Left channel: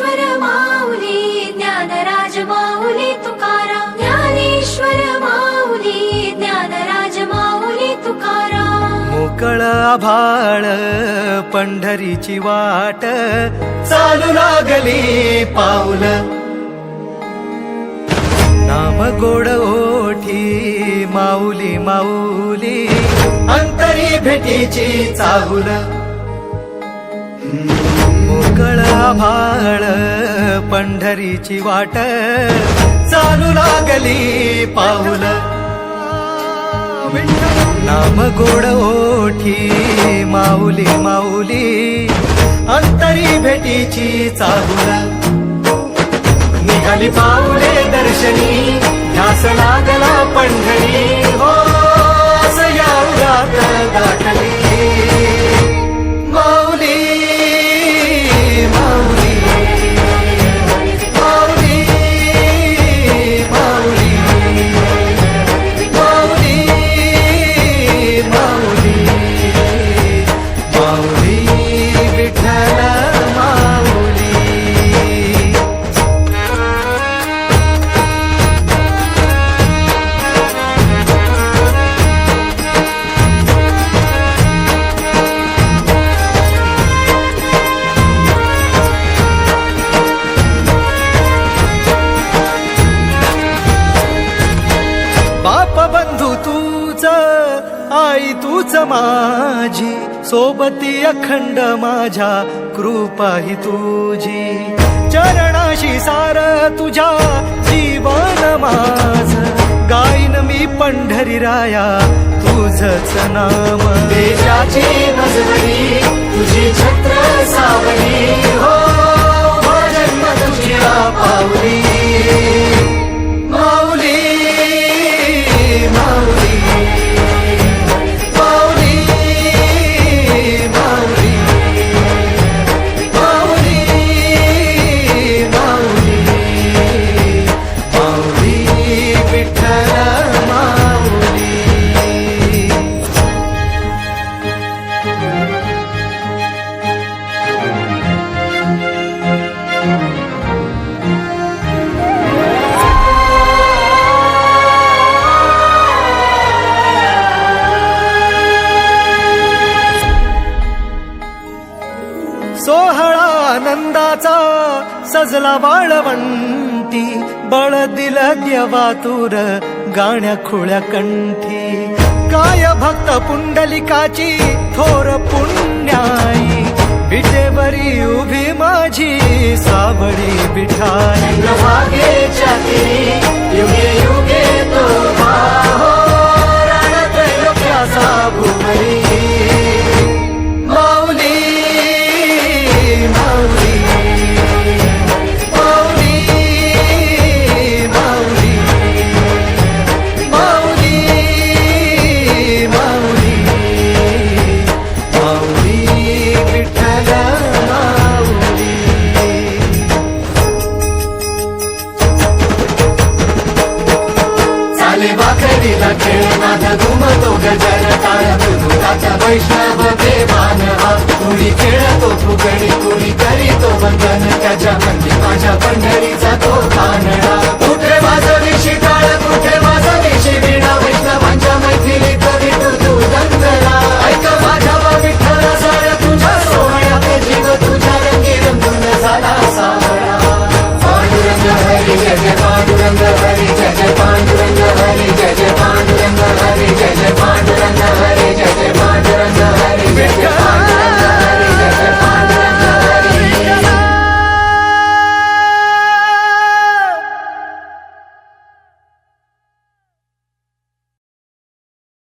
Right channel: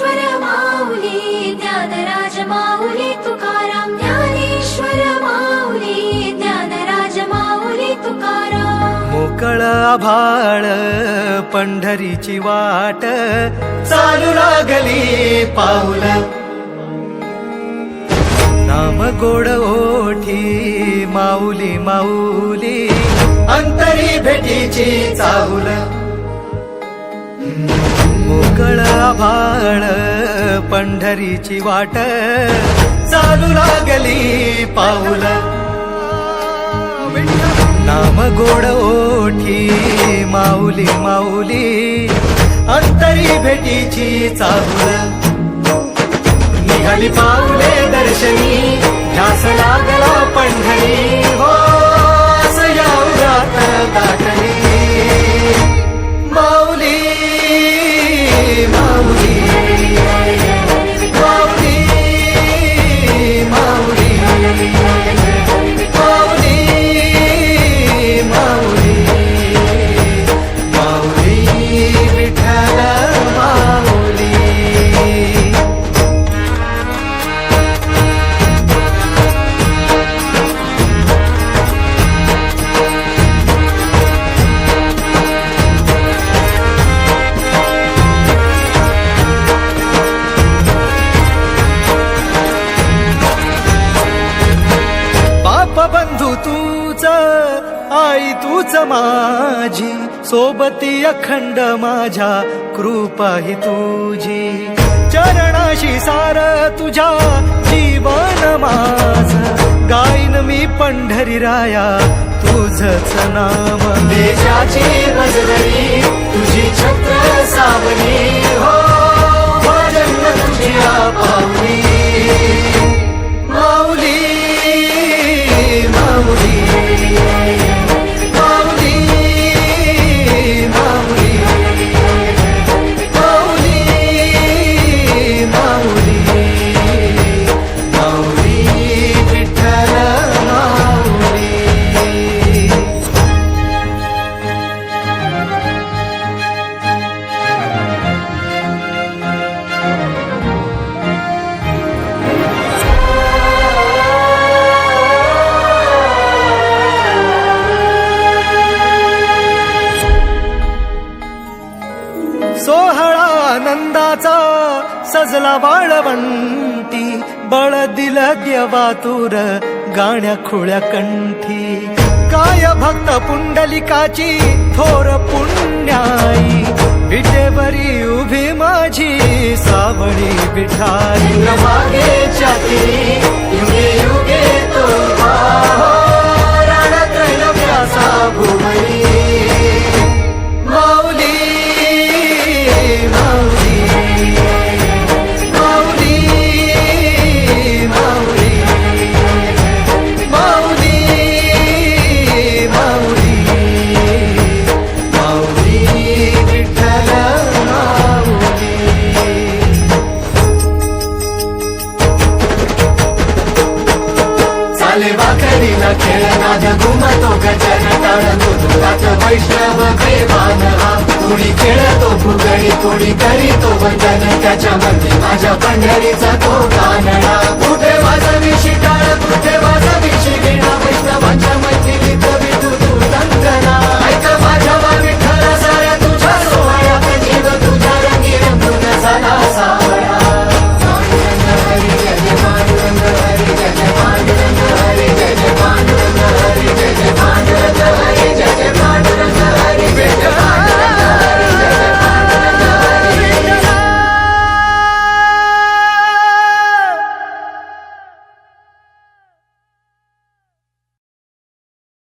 ज्ञानेश्वर माऊली ज्ञानराज माऊली तुकाराम ज्ञानेश्वर माऊली ज्ञानराज माऊली तुकाराम मोकळ आभाळ पंढरीची वाट चालू लागली पाऊल नाम गोड ओठी माऊली माऊली अंतरी भेटीची चाहुल मोकळ आभाळ पंढरीची वाट चालू लागली पाऊल नाम गोड ओठी माऊली माऊली अंतरी भेटीची चाहुल निघाली पाऊले दर्शनी ध्यास लागला पंढरी हो या उरात दाटली माऊली माऊली माऊली माऊली माऊली माऊली माऊली विठ्ठल माऊली बाप बंधू तूच आई तूच माझी सोबती अखंड माझ्या कृपा ही तुझी चरणाशी सार तुझ्या जीवन माझ गाईन मी पंढरी राया तुझच नाम देशाची मजवरी तुझी छत्र सावली हो जन्म तुझी पावली माऊली माऊली माऊली माऊली माऊली माऊली माऊली विठ्ठल माऊली सोहळा आनंदाचा सजला वाळवंटी बळ दिलं देवातूर गाण्या खुळ्या कंठी काय भक्त पुंडलिकाची थोर पुण्याई विटेवरी उभी माझी सावळी विठाई भागेच्या तिरी युगे युगे तो हो रणत्रैलोक्याचा भुवरी माऊली माऊली माऊली माऊली माऊली माऊली माऊली विठ्ठल माऊली चाले वाकरीला खेळनाद घुमतो गजर टाळ दुधात वैष्णव देवान हा कुणी खेळतो फुगडी कुणी करीतो वंदन त्याच्या मंदी माझ्या पंढरीचा तो कानडा कुठे वाजवी शिटाळ कुठे वाजवी शिवीणा वैष्णवांच्या मैथिलीत विठू तू दंगला ऐक माझ्या विठ्ठला साऱ्या तुझ्या सोहळ्यात जीव तुझ्या रंगी रंगून झाला सावळा पांडुरंग हरी जय पांडुरंग